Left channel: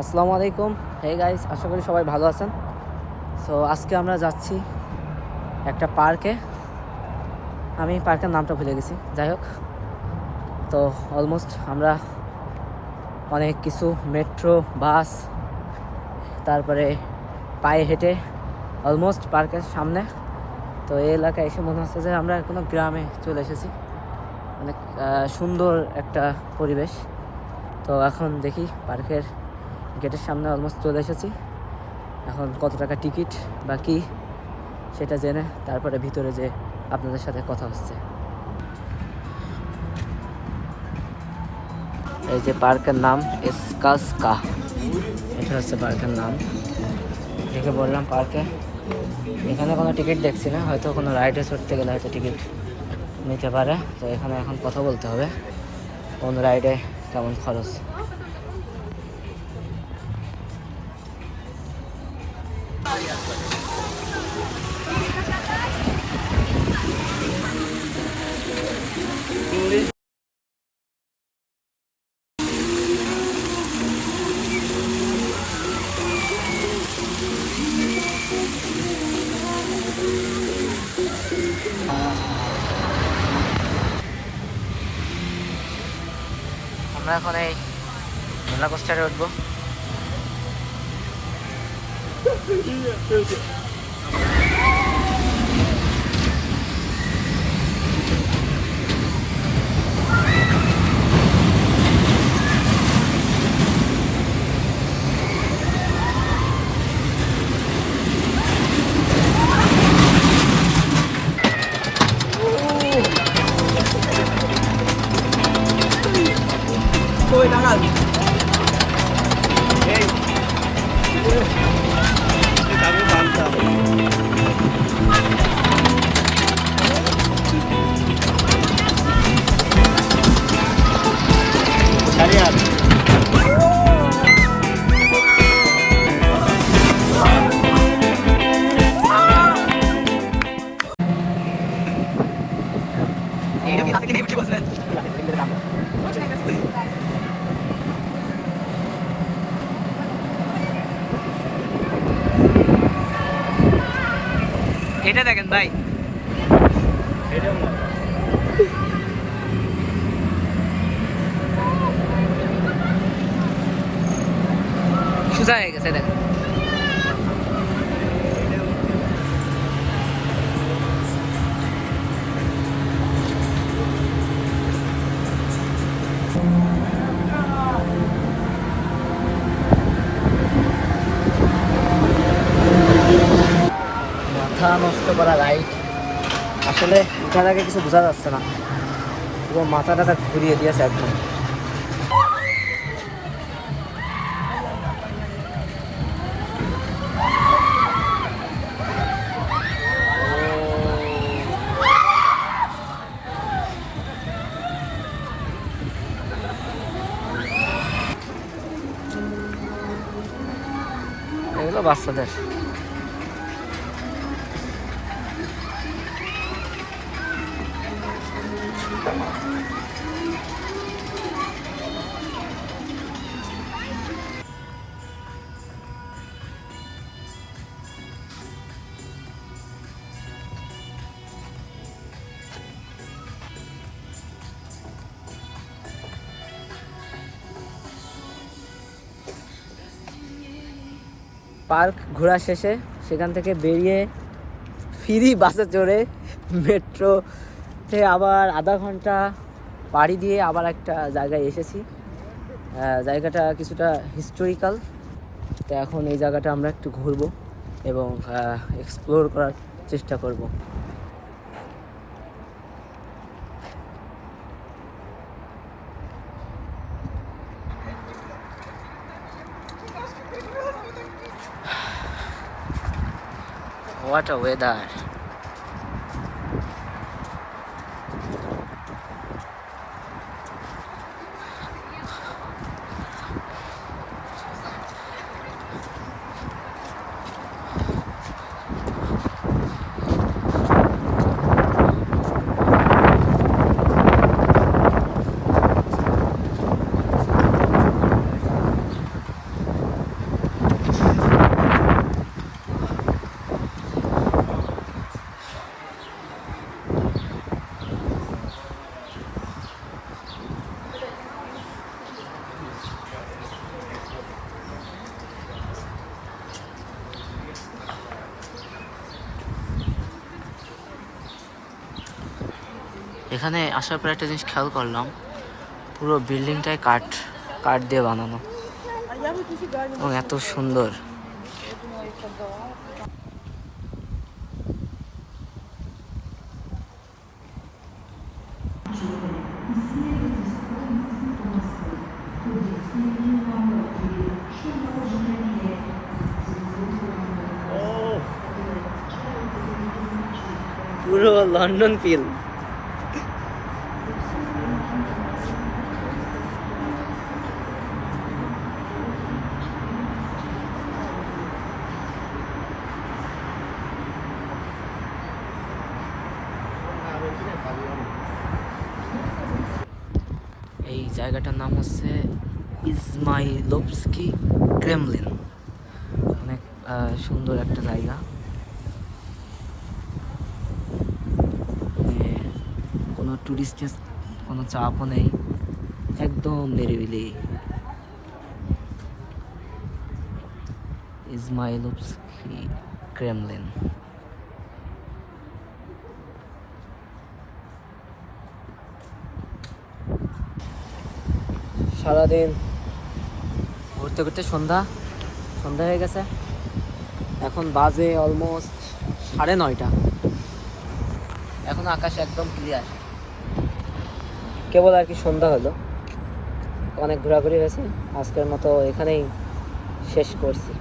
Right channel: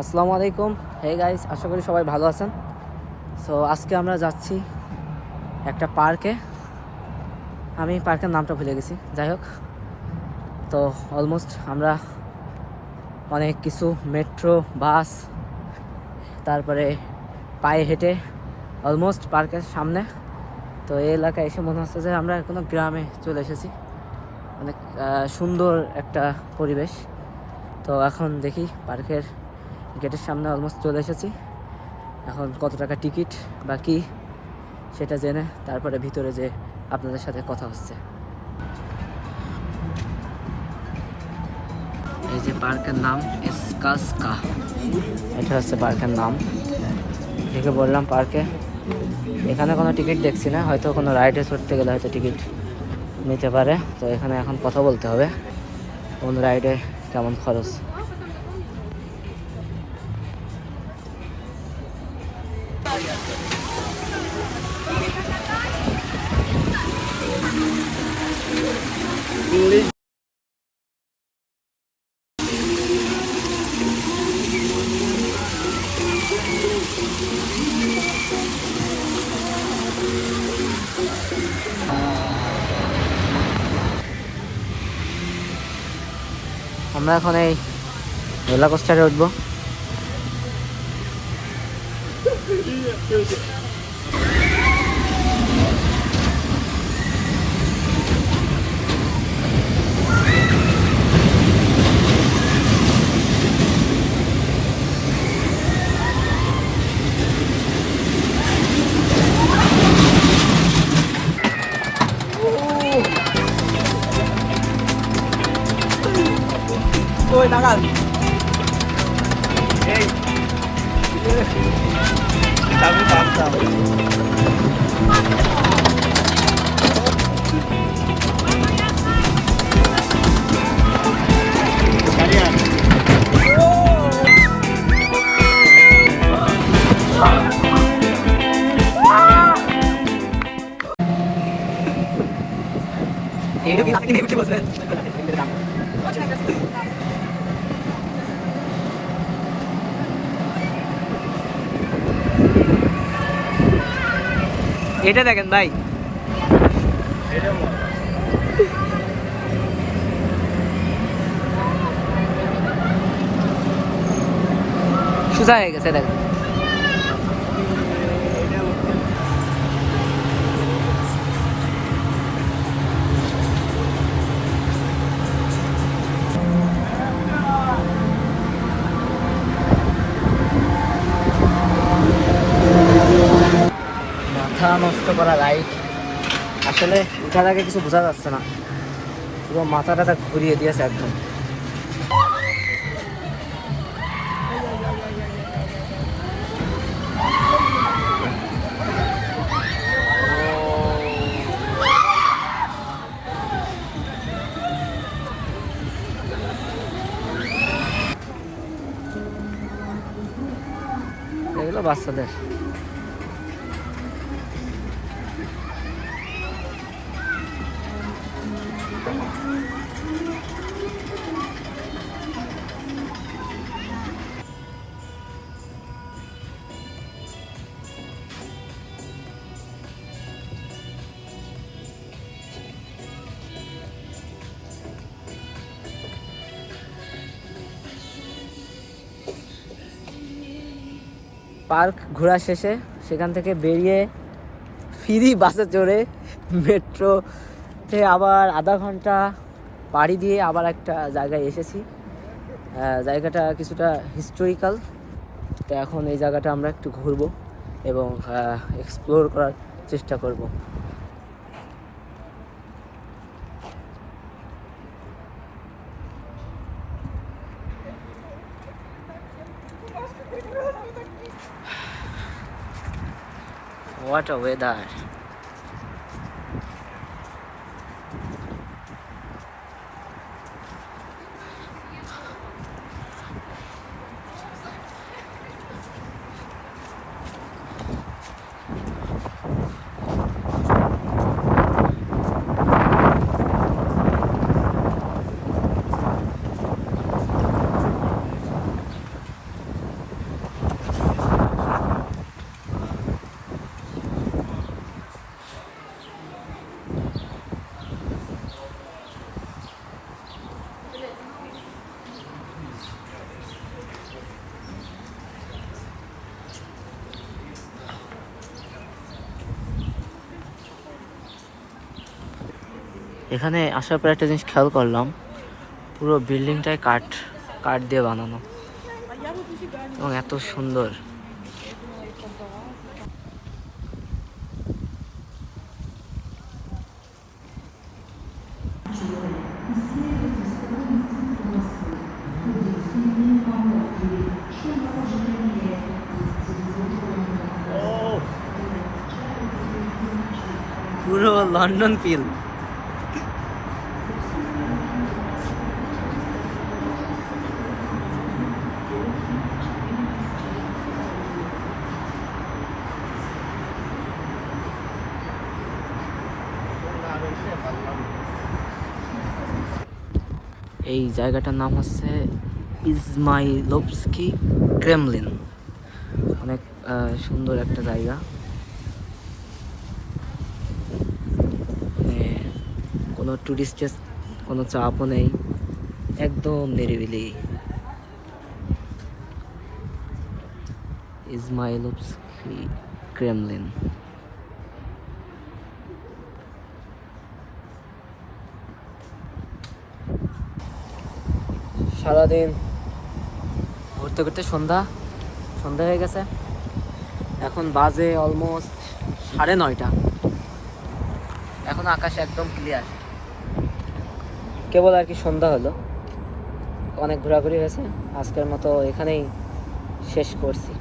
আসসালামু আলাইকুম। Hey guys, আশা করি সবাই ভালো আছেন। সো আজকে আমরা যাচ্ছি একটা পার্কে। আমি পার্কের নামটা ভুলে গেছি, যাই হোক। তো অলমোস্ট আমরা অনেক কিছু মেট্রো, বাস, তারপরে পায়ে হেঁটে অলমোস্ট পার্কের সামনে। তো এই এলাকায় এসে মনে হচ্ছে যে আমরা কোনো গ্রামে চলে এসেছি। অনেক সুন্দর একটা পরিবেশ। তো এখন দেখি পার্কের গেটের সামনে অলমোস্ট চলে এসেছি। এখন কত টাকা টিকিট বা কি সেটা জেনে তারপরে ভিতরে যে আপনাদের সাথে কথা হচ্ছে। এই যে পার্কের নাম এসকাসকা, এটা হচ্ছে পার্কের নাম। দেখে বললাম পার্কে, এখানে কোনো টিকিট দেখছি না, হয়তো কোনো রাইডে চড়তে গেলে হয়তো টিকিট নিতে পারে। তো এখানে এখন কথা বলতে হবে কোন রাইডে কেমন খরচ। আমরা এখন এই রোলার কোস্টারে উঠবো। Tôi đang ăn. Hey. এটা দেখেন ভাই, সোজা হয়ে গেছে দেখেন। মাথা নষ্ট করা রাইড, আসলে উঠার আগে কিছু বোঝা যাচ্ছে না, পুরো মাথাটা ঘুরিয়ে দিয়েছে একদম। এগুলো বাচ্চাদের। পার্ক ঘোরা শেষে সেখান থেকে বেরিয়ে ফ্রি বাসে চড়ে মেট্রোতে আবার আধা ঘন্টা পাড়ি দিয়ে আবার একটা জায়গায় এসেছি। জায়গাটা কিছুটা হিস্টোরিক্যাল। তো এখন এই জায়গাটা আমরা একটু ঘুরবো এবং এক্সপ্লোর করার চেষ্টা করব। What a weather! এখানে আসার পর একটা জিনিস খেয়াল করলাম, পুরো বিল্ডিংটাই কাঠ কাঠ দিয়ে বানানো এবং এত সুন্দর। পুরো লন্ডন ফিল। এই জায়গাটার নাম হচ্ছে ইজমাইলভস্কি ক্রেমলিন। অনেক সুন্দর একটা জায়গা, কোনো টুরিস্টের কোনো চাপও নেই, একদম নিরিবিলি। ইজমাইলভস্কি ক্রেমলিন। সারাদিন ঘুরতে ঘুরতে সন্ধ্যা হয়ে গেছে। এখন বাজে অলমোস্ট 9:30। এখন আকাশ একদম ক্লিয়ার, কেবল আর কি সন্ধ্যা হলো। অনেক ঘোরাঘুরি হয়েছে, আজকের মতো এখানেই শেষ করছি।